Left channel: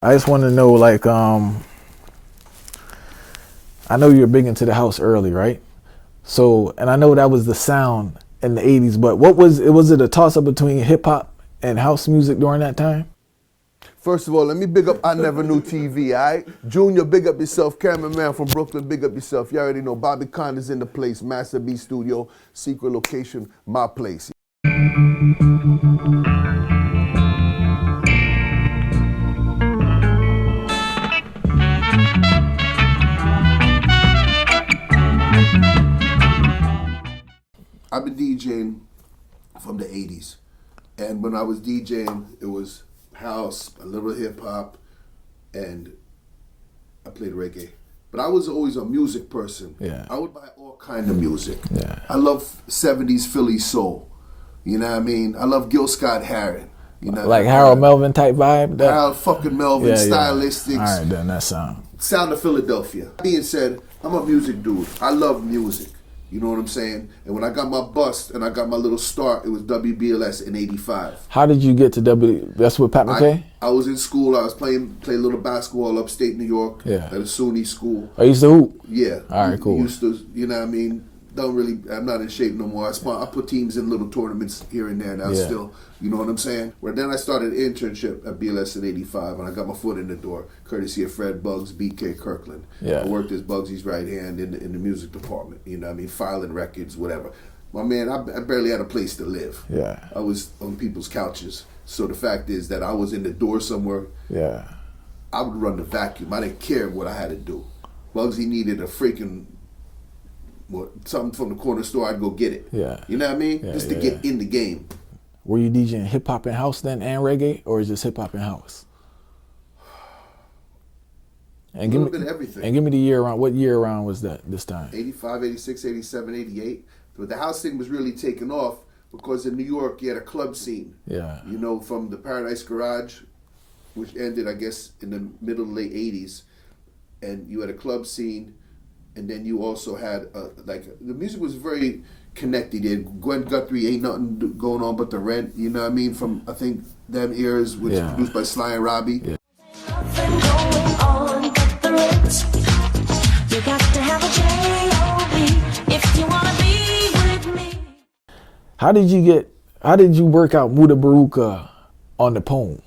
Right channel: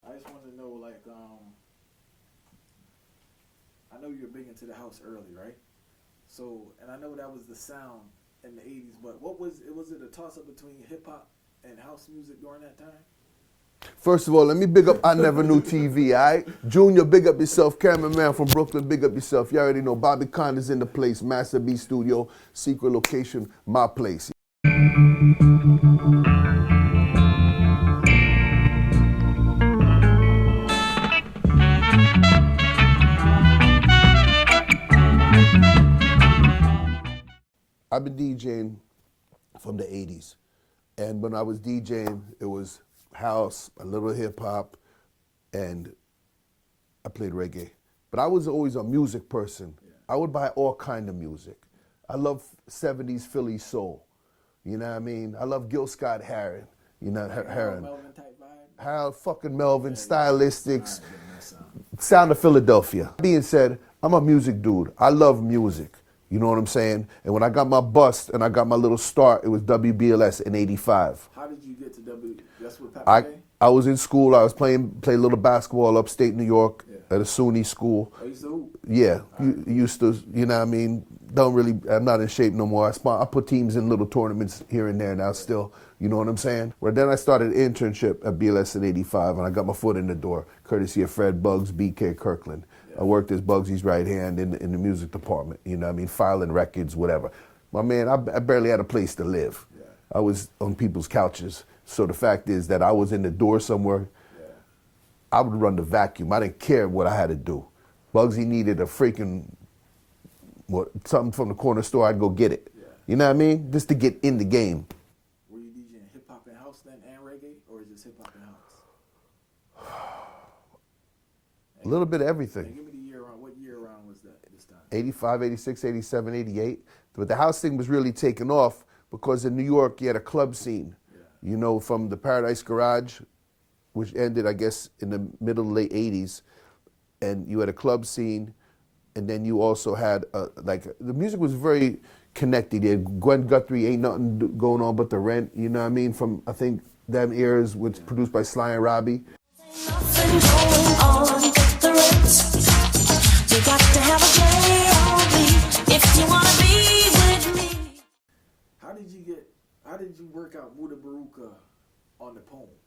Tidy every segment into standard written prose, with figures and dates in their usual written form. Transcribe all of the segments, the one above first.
I just want to know, like, I know you were big into the house early, right? So, and I know that was the sound in the 80s, but was it a toss-up between hip-hop and house music during that time? First of all, let me big up I Never Knew TV, all right? Junior, big up yourself. Cameraman from Brooklyn, big up yourself. You already know Bobby Konders in the place. Master B Studio, secret location, my place. I've been DJing from the 80s. And when I was DJing, it was house, a little hip hop, and I played reggae. But I was always a music person. Yeah. I would buy all kind of music. Yeah. I love 70s Philly soul. You know what I mean? I love Gil Scott-Heron. You know, like Harold Melvin type vibe? Harold fucking Melvin, Stylistics. All right, then that sound. Sound of Philadelphia. Being said, I'm a music dude. I love music. You know what I'm saying? And when I got my bust and I got my little start, it was WBLS in '85. How did you get to That's with Pat McKay? I was in school. I was playing a little basketball upstate New York at a SUNY school. I used to hoop? Yeah. All right, cool. Used to, you know what I mean? I'm not in shape no more. I put teams in little tournaments here and there now still. You know what I'm saying? Well, then I started an internship at BLS in '85, and I got my foot in the door, courtesy of Fred Bugs, BK Kirkland. Yeah. I worked as Bugsy's right hand in the music department, you know what I mean? Filing records, whatever. My man, I barely had a place to live. Yeah. I was on people's couches. So the fact is that I was in the door somewhere. Yeah. I would run the vacuum. I didn't care what I had to do. Bugsy needed a freaking something from the corner store, I'd go get it. Yeah. You know what I mean? Yeah, just to get in the game. Were you DJing hip hop and house then and reggae, or is just hip hop and house? And a little bit of everything. And give me the year around. What year around was that this time? 85, 86, 87, 88. But the house thing was really taking off because in New York you had a club scene. Yeah. You know, from the Paradise Garage, which ended, I guess, in the middle, late 80s. And you had a club scene. And then you also had, the music was very connected. You had Gwen Guthrie, Ain't Nothing Going On But the Rent, you know what I mean? From, I think, them eras, which was produced by Sly and Robbie. Yeah. Nothing going on but the rent. You got to have a J.O.B. if you want to be with me. How did you work out Muda Baruka on the poem?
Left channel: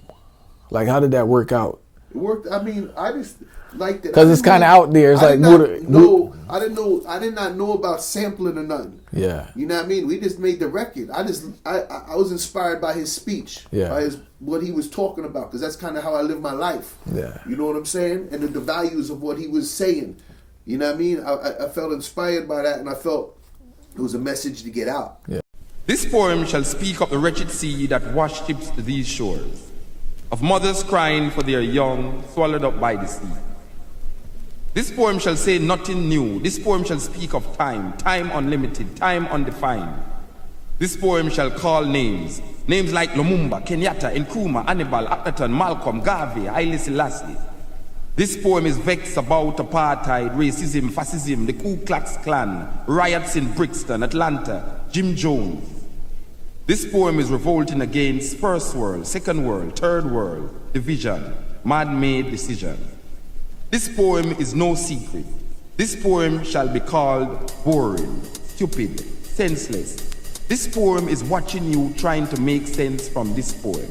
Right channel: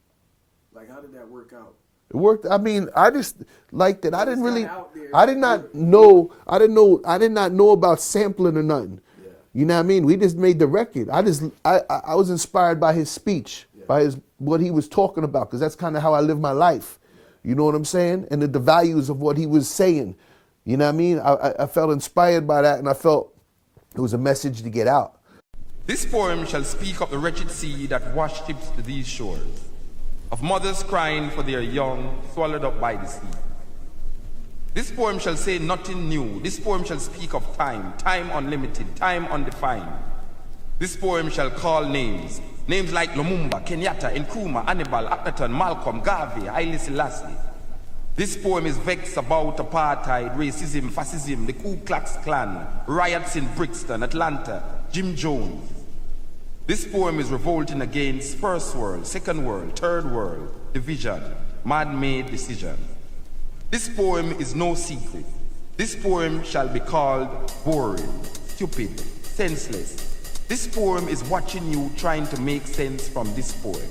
Like, how did that work out? It worked. I mean, I just liked it. Because it's kind of out there. It's I like did not know about sampling or nothing. Yeah. You know what I mean? We just made the record. I was inspired by his speech, by what he was talking about, because that's kind of how I live my life. Yeah. You know what I'm saying? And the values of what he was saying. You know what I mean? I felt inspired by that, and I felt it was a message to get out. Yeah. This poem shall speak of the wretched sea that worships these shores, of mothers crying for their young swallowed up by the sea. This poem shall say nothing new. This poem shall speak of time, time unlimited, time undefined. This poem shall call names, names like Lumumba, Kenyatta, Nkrumah, Hannibal, Akhenaton, Malcolm, Garvey, Haile Selassie. This poem is vexed about apartheid, racism, fascism, the Ku Klux Klan, riots in Brixton, Atlanta, Jim Jones. This poem is revolting against first world, second world, third world, division, man-made decision. This poem is no secret. This poem shall be called boring, stupid, senseless. This poem is watching you trying to make sense from this poem.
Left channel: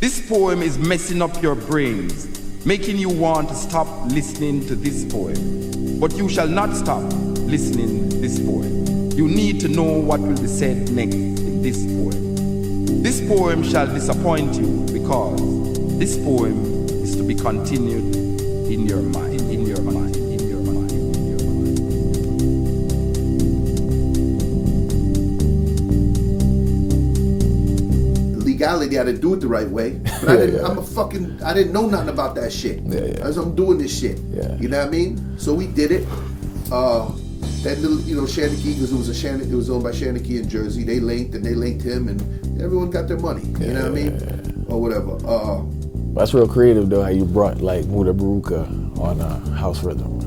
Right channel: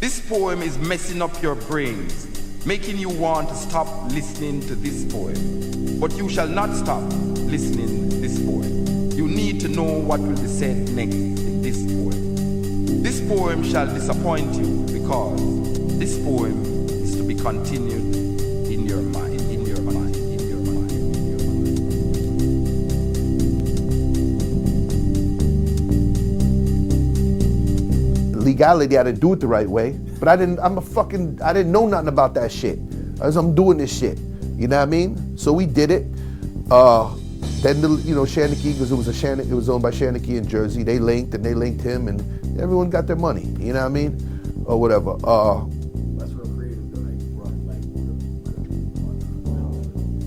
This poem is messing up your brains, making you want to stop listening to this poem. But you shall not stop listening to this poem. You need to know what will be said next in this poem. This poem shall disappoint you because this poem is to be continued in your mind, in your mind, in your mind, in your mind. Legality, I didn't do it the right way, but I didn't know nothing about that shit. As I'm doing this shit, you know what I mean? So we did it. Then Shanachie, because it was owned by Shanachie in Jersey. They linked him, and everyone got their money. You know what I mean? Or whatever. That's real creative though, how you brought like Muda Baruka on House Rhythm.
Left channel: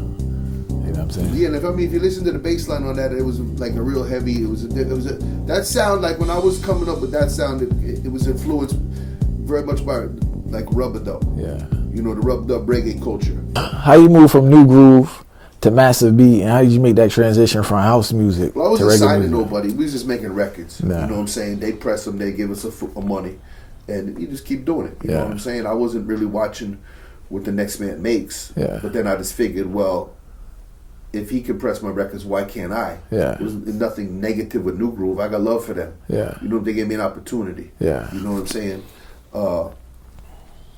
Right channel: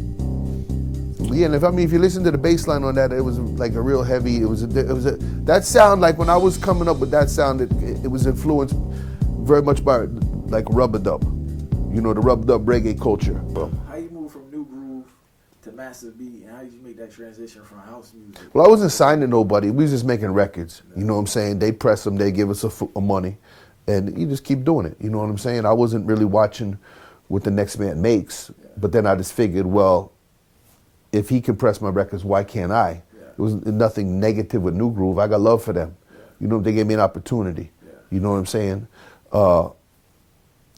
You know what I'm saying? Yeah, and if you listen to the bass line on that, it was like a real heavy. It was that sound, like when I was coming up with that sound, it was influenced very much by like rubber dub. Yeah. You know, the rubbed up reggae culture. How you move from new groove to massive beat, and how did you make that transition from house music? Well, I wasn't to reggae signing music? nobody. We was just making records. Nah. You know what I'm saying? They press them, they give us a money, and you just keep doing it. You know Yeah. what I'm saying? I wasn't really watching what the next man makes. Yeah. But then I just figured, well, if he can press my records, why can't I? Yeah. It was nothing negative with New Groove. I got love for them. Yeah. You know, they gave me an opportunity. Yeah. You know what I'm saying?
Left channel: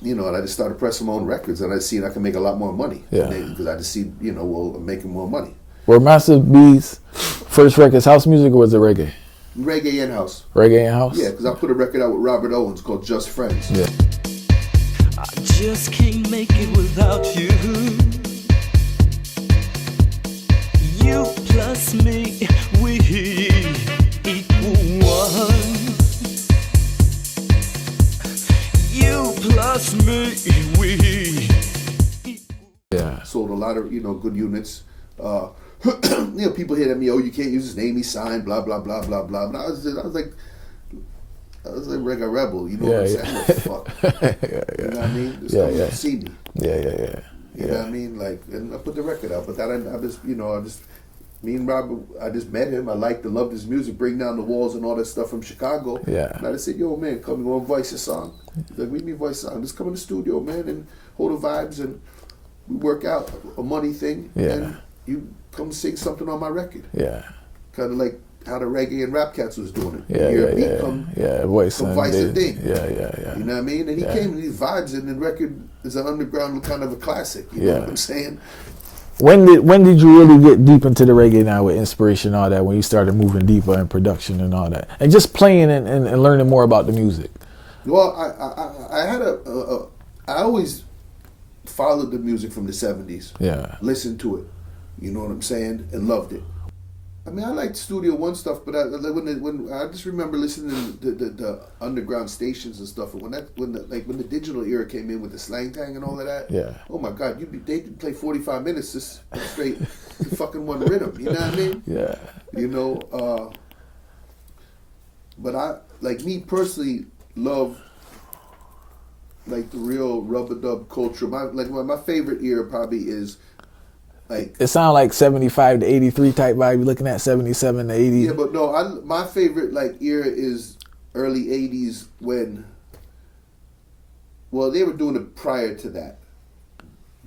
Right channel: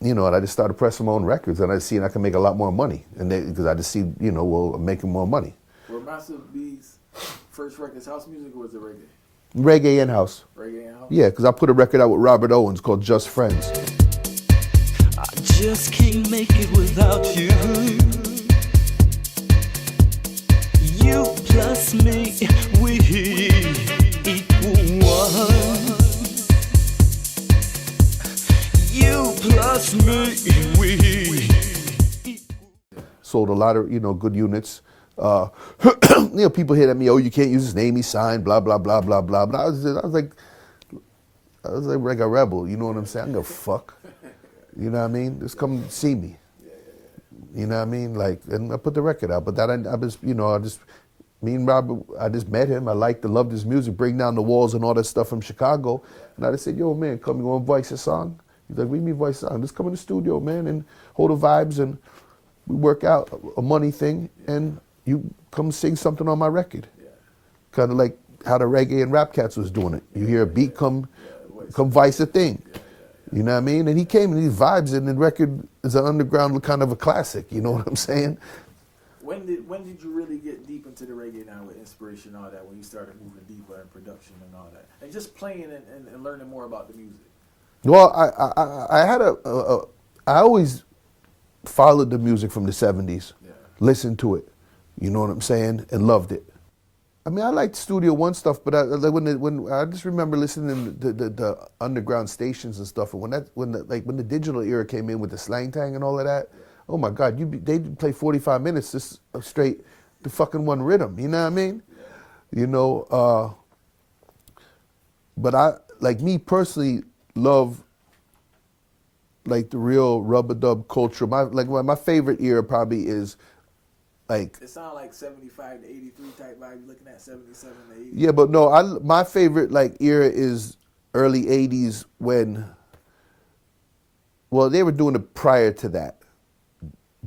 You know, and I just started pressing my own records, and I seen I can make a lot more money. Yeah. Because I just see, you know, well, I'm making more money. Were Massive B's first records house music, or was it reggae? Reggae in house. Reggae in house? Yeah, because I put a record out with Robert Owens called Just Friends. Yeah. I just can't make it without you. You plus me, we equal one. You plus me, we Yeah. Sold a lot of, you know, good units. You know, people hit at me, oh, you can't use his name, he signed, blah, blah, blah, blah, blah. But I was like a rebel, you know what I'm saying? I don't give a fuck. You know what I mean? Just come see me. Yeah. You know what I mean? Like, and I put the record out, but that me and Robert, I just met him. I loved his music, Break Down the Walls and all that stuff from Chicago. Yeah. And I just said, yo, man, come, you want to voice a song? He's like, we need voice a song. Just come in the studio, man, and hold the vibes, and we work out a money thing. Yeah. And you come sing something on my record. Yeah. Kind of like how the reggae and rap cats was doing it. Yeah. You hear a beat voice. come vice the thing. Yeah. You know what I mean? And he came and these vibes, and the record is an underground kind of a classic. You know what I'm saying? When did you really get deep into the reggae now with inspiration and all that, when you started moving deeper in production and all that? And just playing and learning more about the music? Well, I had I always followed the music from the 70s. Yeah. Listened to it. You know what I'm saying? And loved it. I mean, I liked Studio One stuff, but when I just remember listening to the underground stations and stuff. And when the digital era came in with the slang tang and all of that. Yeah. Oh my God, they play 45 minutes just straight the fucking one rhythm. You know what I mean? Yeah. You know, but I, like me personally, love like the real rub-a-dub culture. My favorite era probably is like, It sounds like 75 to 83 type vibe. You're looking at 77 to 80. yeah, but no, my favorite like era is early 80s when, well, they were doing it prior to that.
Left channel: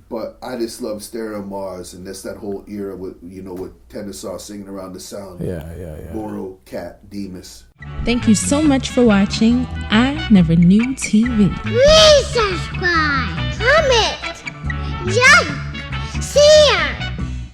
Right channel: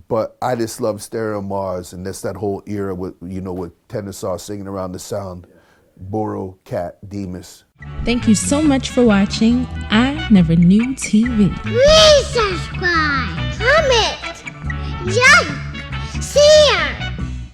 But I just love Stereo Mars, and that's that whole era with, you know, with Tenor singing around the sound. Yeah. Boro, Cat, Demas. Thank you so much for watching I Never Knew TV. Please subscribe, comment, like. See